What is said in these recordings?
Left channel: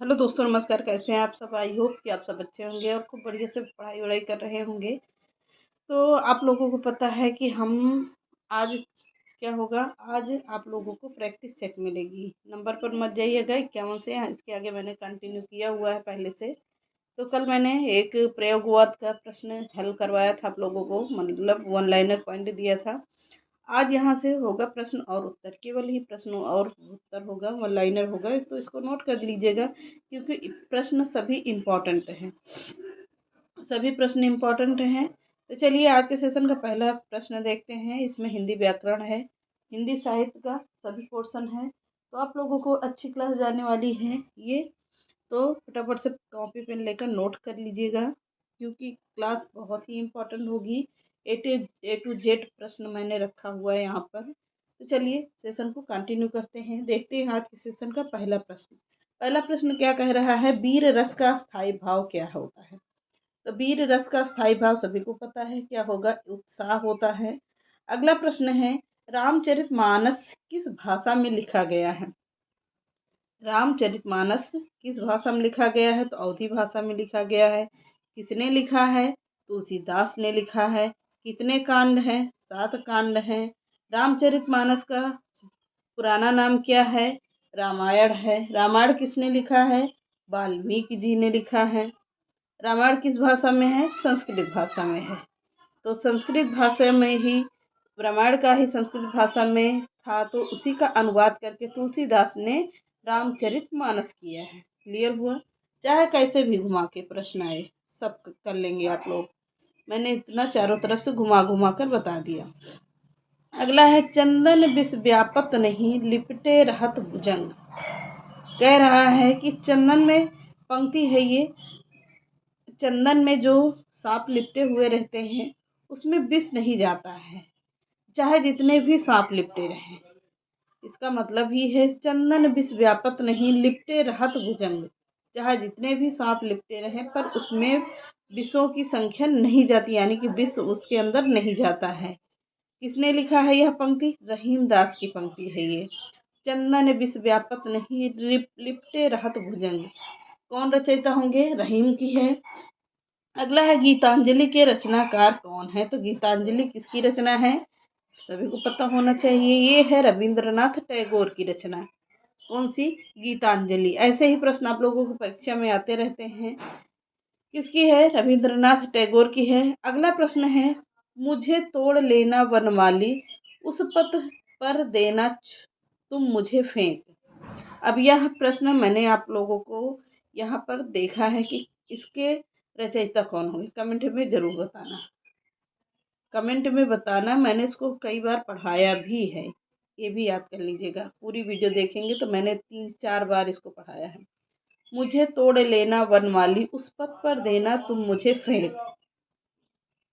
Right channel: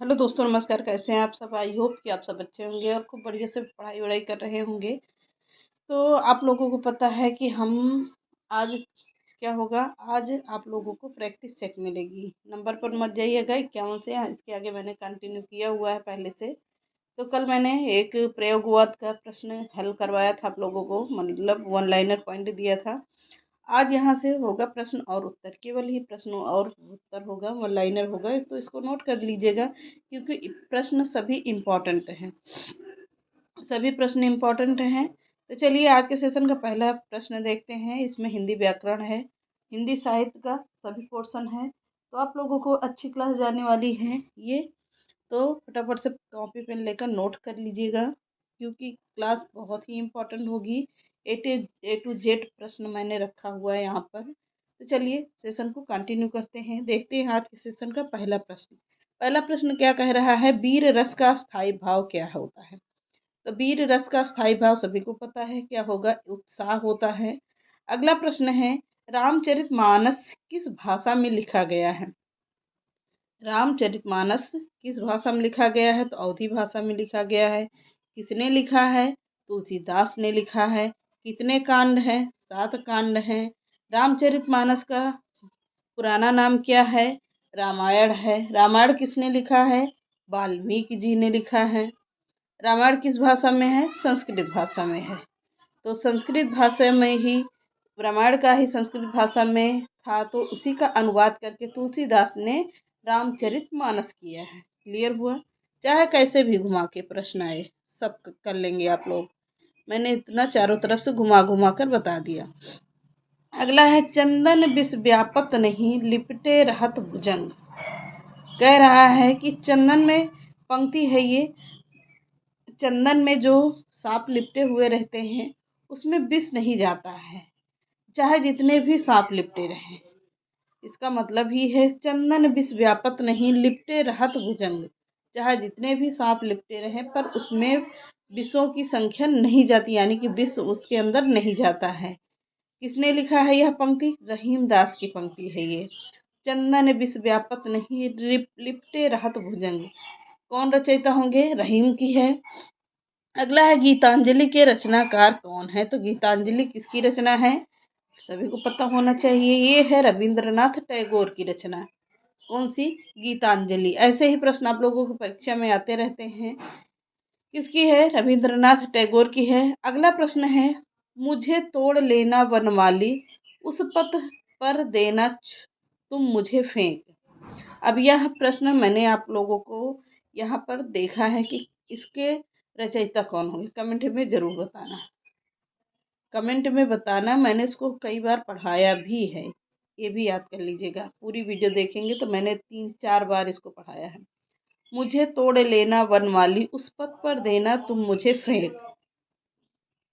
Hello दोस्तों, नमस्कार। कैसे हैं आप सब? आई होप कि आप सब अच्छे होंगे और खूब बढ़िया से पढ़ाई वढ़ाई कर रहे होंगे। तो आप लोगों को पता है कि हम आज क्या होगा। आज आप लोगों को प्रैक्टिस सेट मिलेगी। नंबर पर मत जाइएगा 51 से। इसके आगे मैंने कंटिन्यू किया हुआ है पहले से। तो कल मैंने एक प्रयोगवाद का प्रश्न हल करवाया था आप लोगों को, मतलब वन लाइनर पॉइंट दिया था। आज यहाँ से होगा प्रश्न और उत्तर, केवल ही प्रश्न और उत्तर होगा, वन लाइनर होगा। तो इसको नोट कर लीजिएगा क्योंकि प्रश्न सभी इम्पोर्टेंट हैं, सभी प्रश्न इम्पोर्टेंट हैं। तो चलिए आज के सेशन का पहला प्रश्न देखते हैं। इसमें हिंदी व्याकरण है, हिंदी साहित्य का सभी पोर्शन है। तो आप लोगों को अच्छी क्लास जाने वाली है ये। तो फटाफट से कॉपी पेन लेकर नोट कर लीजिएगा क्योंकि क्लास बहुत ही इम्पोर्टेंट होगी। ए टू जेड प्रश्न मैंने रखा हुआ है यहाँ पर। तो चलिए सेशन को कंटिन्यू करते हैं। देखते हैं आज के सेशन का पहला प्रश्न। पहला प्रश्न क्या कह रहा है? वीर रस का स्थायी भाव क्या होता है? तो वीर रस का स्थायी भाव सभी को पता है क्या होगा, उत्साह होता है। अगला प्रश्न है, रामचरितमानस किस भाषा में लिखा गया है? रामचरितमानस किस भाषा में लिखा गया है? तो अवधी भाषा में लिखा गया है। किसने लिखा है? तुलसीदास ने लिखा है। कितने कांड हैं? 7 कांड हैं। रामचरितमानस का पुराना नाम क्या है? रामायण है। रामायण किसने लिखा है? वाल्मीकि जी ने लिखा है। रामायण किस भाषा में है? संस्कृत भाषा में है। तो संस्कृत भाषा में ही रामायण का ही संस्कृत भाषा में था, तो उसी का अनुवाद करके तुलसीदास ने रामचरितमानस किया है। क्लियर हुआ? चाहे कैसे भी घुमा के प्रश्न आए, सब कर लेंगे आप लोग। मैंने इतना चारों तरफ से घुमा घुमा कर बता दिया। अगला है, चंदन विष व्यापत नहीं लिपटे रहत भुजंग। कह रहा है कि चंदन में, पंक्ति है ये, चंदन में जो सांप लिपटे हुए रहते हैं उसमें विष नहीं जाता है, चाहे जितने भी सांप लिपटे रहें। इसका मतलब ही है चंदन विष व्यापत नहीं लिपटे रहत भुजंग। चाहे जितने भी सांप लिपटे रहें पर उसमें विषों की संख्या नहीं जाती, यानी कि विष उसके अंदर नहीं जाता है। किसने लिखा है यह पंक्ति? रहीम दास की पंक्ति है ये। चंदन विष व्यापत नहीं लिपटे रहत भुजंग, कौन रचयिता होंगे? रहीम की है। अगला है, गीतांजलि के रचनाकार कौन है? तो गीतांजलि किसकी रचना है? सभी को पता होना चाहिए, ये है रविंद्रनाथ टैगोर की रचना। कौन सी? गीतांजलि। ऐसे ही प्रश्न आप लोगों को परीक्षा में आते रहते हैं। किसकी है? रविंद्रनाथ टैगोर की है। अगला प्रश्न है, मुझे तोड़ लेना वनमाली उस पथ पर देना तुम मुझे फेंक। अब यह प्रश्न मैंने आप लोगों को यहाँ पर देखा है कि इसके रचयिता कौन होंगे। कमेंट में जरूर बताना, कमेंट में बताना। मैंने इसको कई बार पढ़ाया भी है, ये भी याद कर लीजिएगा। पूरी वीडियो देखेंगे तो मैंने 3-4 बार इसको पढ़ाया है। मुझे तोड़ लेना वनमाली उस पथ पर देना तुम मुझे फेंक,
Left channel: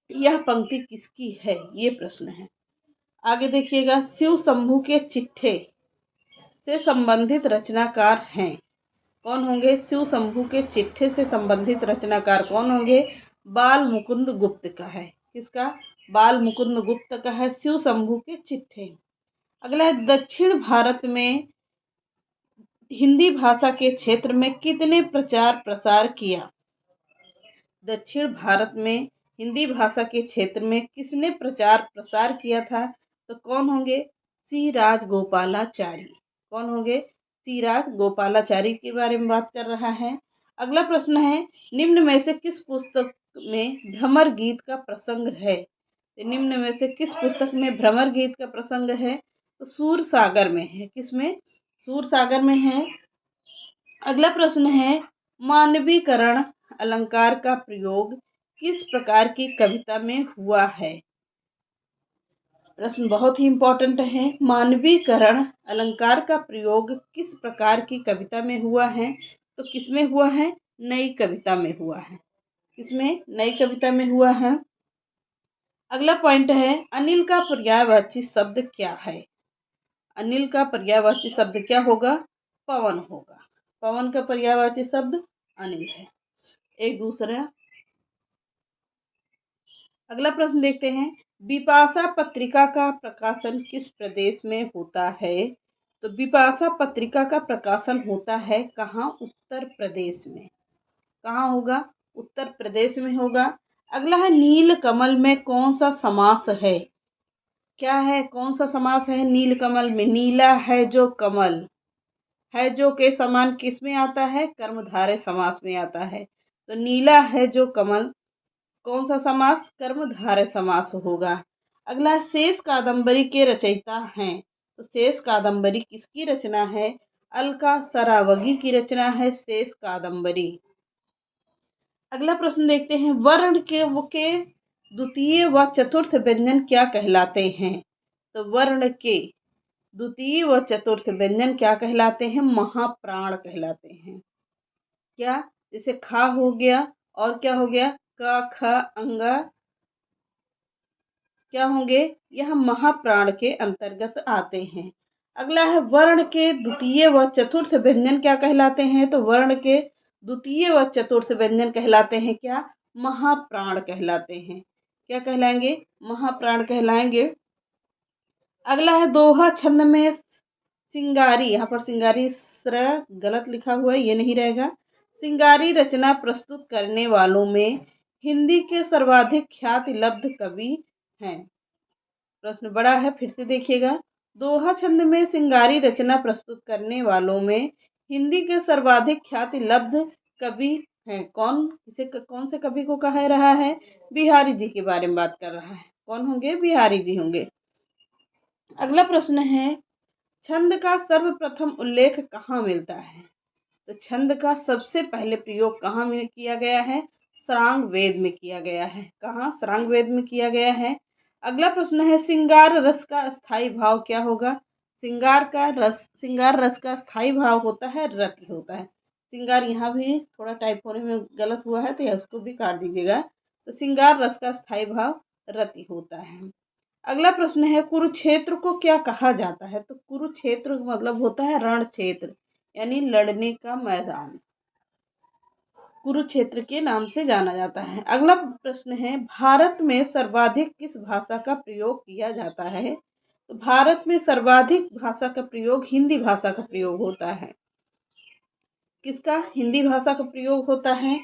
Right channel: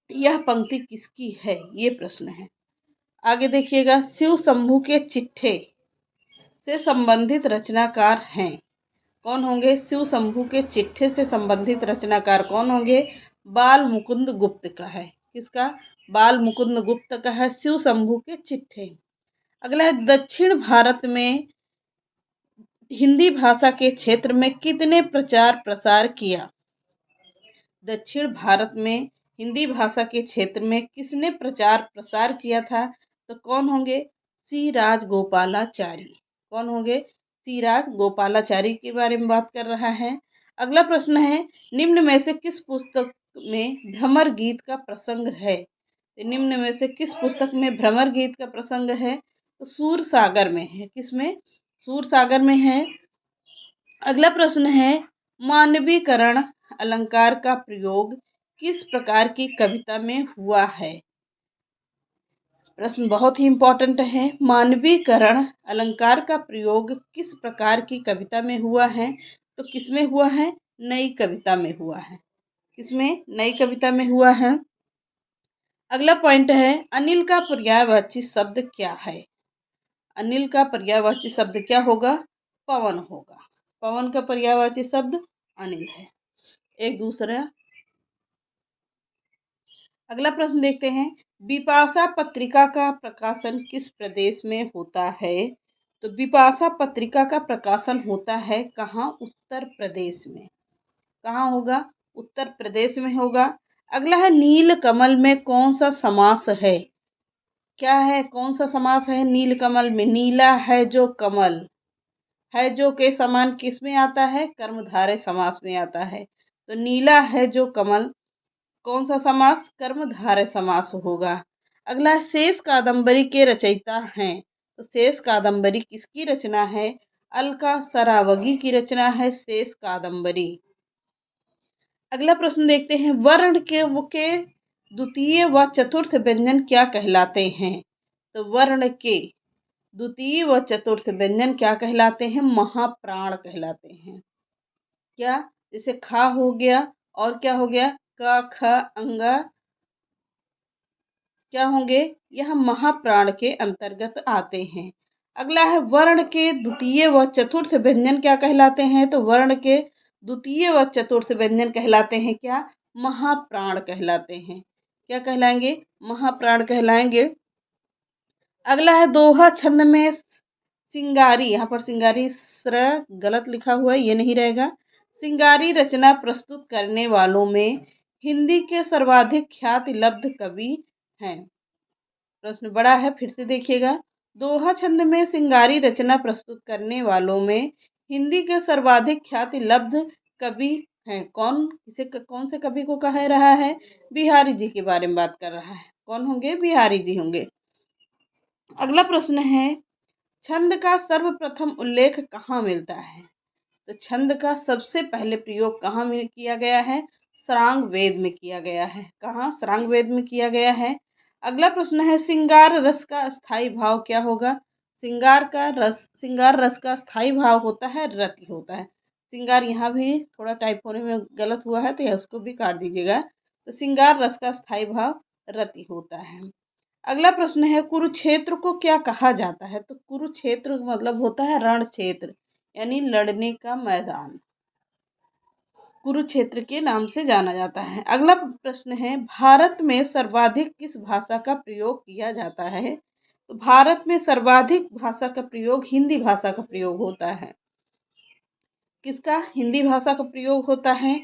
यह पंक्ति किसकी है? ये प्रश्न है। आगे देखिएगा, शिव शंभू के चिट्ठे से संबंधित रचनाकार हैं। कौन होंगे? शिव शंभू के चिट्ठे से संबंधित रचनाकार कौन होंगे? बाल मुकुंद गुप्त का है। किसका? बाल मुकुंद गुप्त का है शिव शंभू के चिट्ठे। अगला है, दक्षिण भारत में हिंदी भाषा के क्षेत्र में कितने प्रचार प्रसार किया? दक्षिण भारत में हिंदी भाषा के क्षेत्र में किसने प्रचार प्रसार किया था? तो कौन होंगे? सी राजगोपालाचारी। कौन होंगे? सी राजगोपालाचारी के बारे में बात कर रहा है। अगला प्रश्न है, निम्न में से किस पुस्तक में भ्रमर गीत का प्रसंग है? तो निम्न में से किस पुस्तक में भ्रमर गीत का प्रसंग है? तो सूर सागर में है। किसमें? सूर सागर में है। अगला प्रश्न है, मानवीकरण अलंकार का प्रयोग किस प्रकार की कविता में हुआ है? प्रश्न बहुत ही इंपॉर्टेंट है। मानवीकरण अलंकार का प्रयोग किस प्रकार की कविता में हुआ है? तो किसमें हुआ है? नई कविता में हुआ है। किसमें? नई कविता में हुआ है। अगला पॉइंट है, अनिल का पर्यायवाची शब्द क्या है? अनिल का पर्यायवाची शब्द क्या होगा? पवन होगा। पवन का पर्यायवाची शब्द अनिल है। एक दूसरा। अगला प्रश्न देखते हैं, बिपाशा पत्रिका का प्रकाशन किस प्रदेश में होता है? तो बिपाशा पत्रिका का प्रकाशन होता है कहाँ? उत्तर प्रदेश में। कहाँ होगा? उत्तर प्रदेश में होगा। अगला है नील कमल में कौन सा समास है? क्या है? कौन सा समास है नील कमल में? नीला है जो कमल, है जो के समान किस में आता है? कर्मधारय समास में आता है। तो नीला है जो कमल कौन सा समास? कर्मधारय समास होगा। अगला है शेष कादंबरी के रचयिता हैं। तो शेष कादंबरी किसकी रचना है? अलका सरावगी की रचना है शेष कादंबरी। अगला प्रश्न देखते हैं, वर्ण के द्वितीय व चतुर्थ व्यंजन क्या कहलाते हैं? तो वर्ण के द्वितीय व चतुर्थ व्यंजन क्या कहलाते हैं? महाप्राण कहलाते हैं। क्या? जैसे खा हो गया और क्या हो गया? क ख अंगा क्या होंगे? यह महाप्राण के अंतर्गत आते हैं। अगला है वर्ण के द्वितीय व चतुर्थ व्यंजन क्या कहलाते हैं? तो वर्ण के द्वितीय व चतुर्थ व्यंजन कहलाते हैं क्या? महाप्राण कहलाते हैं। क्या कहलाएंगे? महाप्राण कहलाएंगे। अगला है दोहा छंद में सिंगारी, यहाँ पर सिंगारी स्र गलत लिखा हुआ है, ये नहीं रहेगा। सिंगारी रचना प्रस्तुत करने वालों में हिंदी के सर्वाधिक ख्याति लब्ध कवि हैं। प्रश्न बड़ा है, फिर से देखिएगा। दोहा छंद में सिंगारी रचना प्रस्तुत करने वालों में हिंदी के सर्वाधिक ख्याति लब्ध कवि हैं। कौन? इसे कौन से कवि को कह रहा है? बिहारी जी के बारे में बात कर रहा है। कौन होंगे? बिहारी जी होंगे। अगला प्रश्न है, छंद का सर्वप्रथम उल्लेख कहाँ मिलता है? तो छंद का सबसे पहले प्रयोग कहाँ में किया गया है? सारंग वेद में किया गया है। कहाँ? सारंग वेद में किया गया है। अगला प्रश्न है, श्रृंगार रस का स्थायी भाव क्या होगा? श्रृंगार रस का स्थायी भाव होता है रति होता है। श्रृंगार यहाँ भी थोड़ा टाइप होने में गलत हुआ है, तो उसको भी काट दीजिएगा। तो श्रृंगार रस का स्थायी भाव रति होता है। अगला प्रश्न है, कुरुक्षेत्र को क्या कहा जाता है? तो कुरुक्षेत्र मतलब होता है रण क्षेत्र, यानी लड़ने का मैदान, कुरुक्षेत्र के नाम से जाना जाता है। अगला प्रश्न है, भारत में सर्वाधिक किस भाषा का प्रयोग किया जाता है? तो भारत में सर्वाधिक भाषा का प्रयोग हिंदी भाषा का प्रयोग होता है। किसका? हिंदी भाषा का प्रयोग होता है।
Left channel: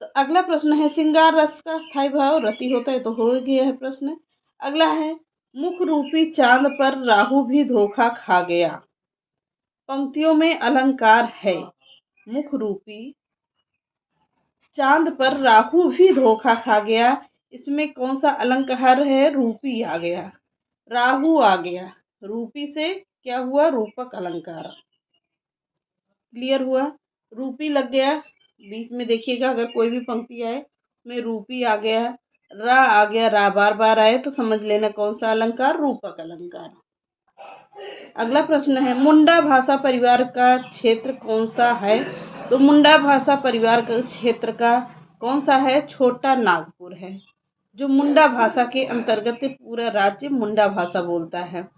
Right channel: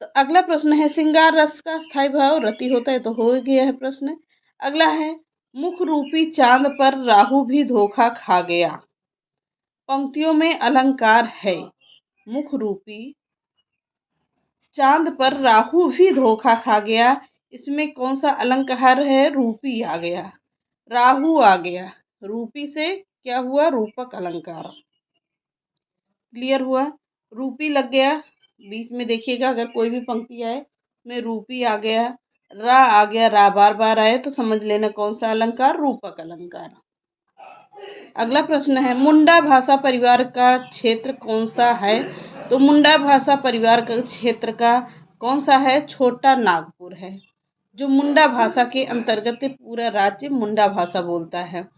तो अगला प्रश्न है, श्रृंगार रस का स्थायी भाव रति होता है, तो हो गया है प्रश्न। अगला है, मुख रूपी चांद पर राहु भी धोखा खा गया। पंक्तियों में अलंकार है। मुख रूपी चांद पर राहु भी धोखा खा गया, इसमें कौन सा अलंकार है? रूपी आ गया, राहु आ गया। रूपी से क्या हुआ? रूपक अलंकार। क्लियर हुआ? रूपी लग गया बीच में, देखिएगा अगर कोई भी पंक्ति आए में रूपी आ गया, रा आ गया, रा बार बार आए तो समझ लेना कौन सा अलंकार? रूपक अलंकार। अगला प्रश्न है, मुंडा भाषा परिवार का क्षेत्र कौन सा है? तो मुंडा भाषा परिवार का क्षेत्र का कौन सा है? छोटा नागपुर है, जो मुंडा भाषा के अंतर्गत पूरा राज्य मुंडा भाषा बोलता है।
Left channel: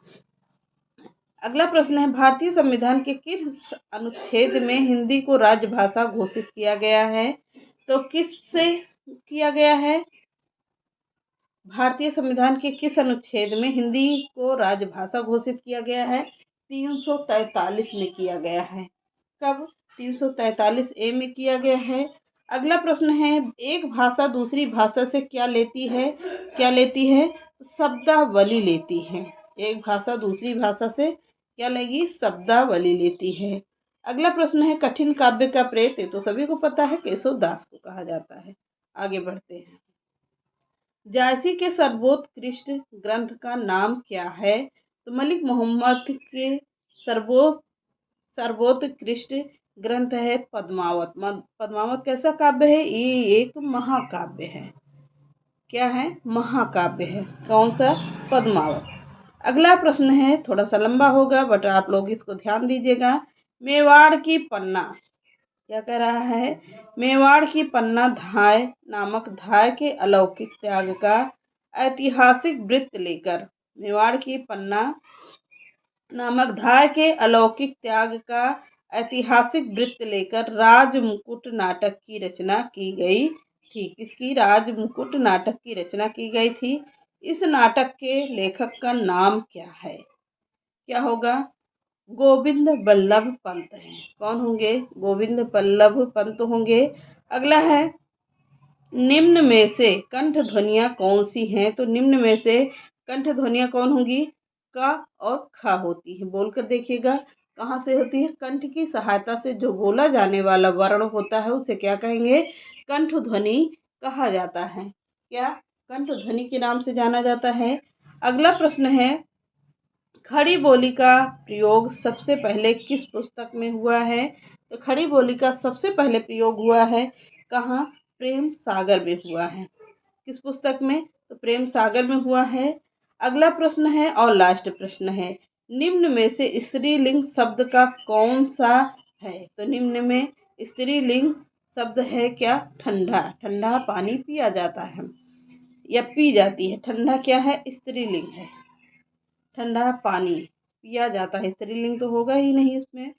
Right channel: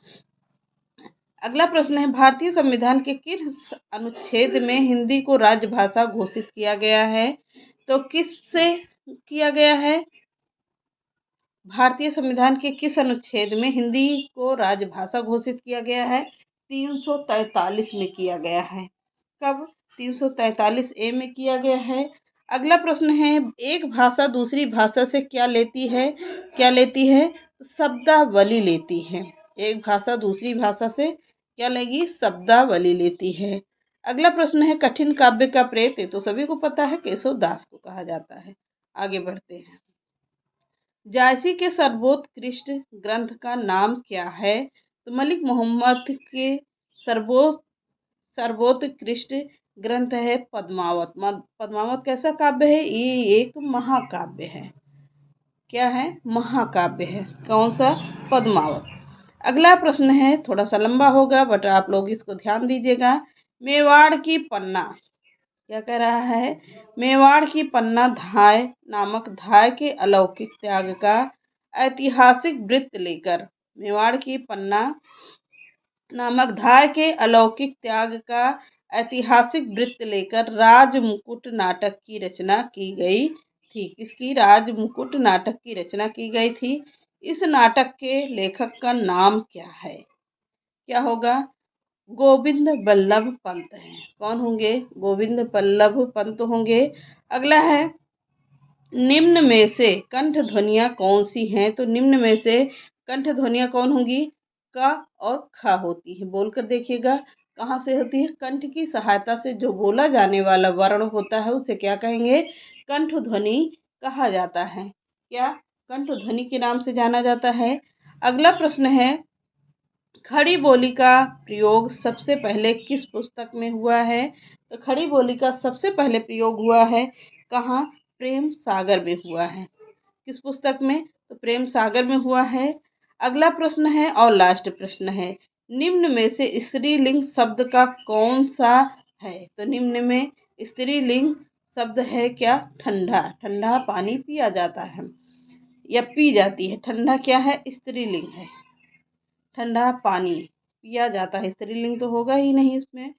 अगला प्रश्न है, भारतीय संविधान के किस अनुच्छेद में हिंदी को राजभाषा घोषित किया गया है? तो किससे किया गया है? भारतीय संविधान के किस अनुच्छेद में हिंदी को राजभाषा घोषित किया गया है? 343 में किया गया है। कब? 343A में किया गया है। अगला प्रश्न है, एक भाषा दूसरी भाषा से क्या लेती है? क्या लेती है? शब्दावली लेती है। एक भाषा दूसरी भाषा से क्या लेगी? शब्दावली लेती है। अगला प्रश्न है, कठिन काव्य का प्रेत, तो सभी को पता है केशव दास को कहा जाता है। आगे बढ़ते हैं, जायसी के सर्वोत्कृष्ट ग्रंथ का नाम क्या है? तो मलिक मोहम्मद के सर्वोत्कृष्ट ग्रंथ है पद्मावत। पद्मावत कैसा काव्य है? ये एक महाकाव्य है। क्या है? महाकाव्य है। कौन सा? पद्मावत। अगला प्रश्न है, थोड़ा सा लंबा होगा बट आप लोग इसको ध्यान दीजिएगा। मेवाड़ की पन्ना क्या कह रहा है? मेवाड़ की पन्ना धाय नामक धाय के अलौकिक त्याग का ऐतिहासिक वृत्त लेकर, मेवाड़ की पन्ना नामक धाय के अलौकिक त्याग का ऐतिहासिक वृत्त लेकर राजमुकुट नाटक की रचना की गई थी। किसकी? राजमुकुट नाटक की रचना की गई थी। इस नाटक के लेखक का नाम क्या है? क्या होगा? गोविंद बल्लभ पंत हैं। कौन होंगे? गोविंद बल्लभ पंत होंगे। अगला है, निम्न में से कंठ ध्वनियाँ कौन सी हैं? तो निम्न में से कंठ ध्वनियाँ कौन होंगी? क और ख होती है। बोलकर देखिएगा, कहाँ से होती है? कंठ की सहायता से जो बोला जाने वाला वर्ण होता है उसे क्या कहेंगे? कंठ ध्वनि कहा जाता है। क्या? कंठ ध्वनि के नाम से जाना जाता है। अगला प्रश्न है, खड़ी बोली का प्रयोग सबसे पहले किस पुस्तक में हुआ है? तो खड़ी बोली का सबसे पहले प्रयोग हुआ है कहाँ? प्रेम सागर में हुआ है। किस पुस्तक में? तो प्रेम सागर में हुआ है। अगला प्रश्न है और लास्ट प्रश्न है, निम्न में से स्त्रीलिंग शब्द का कौन सा है? तो निम्न में स्त्रीलिंग शब्द है क्या? ठंडा। ठंडा पानी पिया जाता है या पी जाती है। ठंडा क्या है? स्त्रीलिंग है। ठंडा पानी पिया जाता है, स्त्रीलिंग तो होगा ही नहीं इसमें।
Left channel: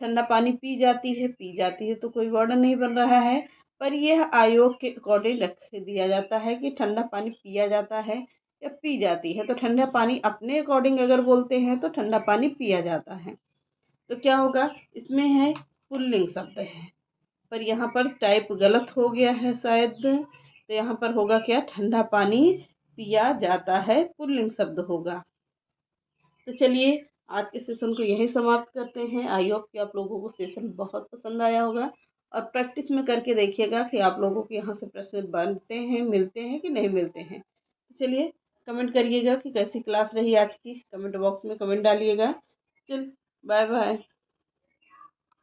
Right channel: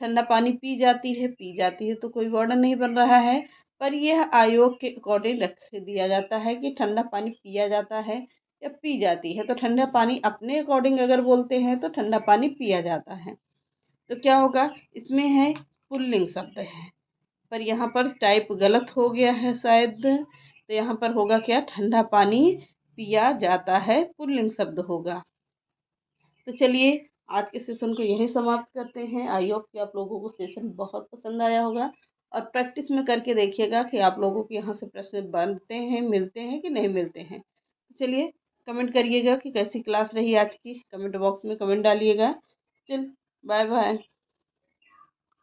ठंडा पानी पी जाती है तो कोई वर्णन नहीं बन रहा है, पर यह आयोग के अकॉर्डिंग रख दिया जाता है कि ठंडा पानी पिया जाता है या पी जाती है। तो ठंडा पानी अपने अकॉर्डिंग अगर बोलते हैं तो ठंडा पानी पिया जाता है। तो क्या होगा? इसमें है पुल्लिंग शब्द है, पर यहाँ पर टाइप गलत हो गया है शायद। तो यहाँ पर होगा क्या? ठंडा पानी पिया जाता है, पुल्लिंग शब्द होगा। तो चलिए, आज के सेशन को यहीं समाप्त करते हैं। आई होप कि आप लोगों को सेशन बहुत पसंद आया होगा और प्रैक्टिस में करके देखिएगा कि आप लोगों के यहाँ से प्रश्न बनते हैं, मिलते हैं कि नहीं मिलते हैं। चलिए, कमेंट करिएगा कि कैसी क्लास रही आज की। कमेंट बॉक्स में कमेंट डालिएगा। चल, बाय बाय।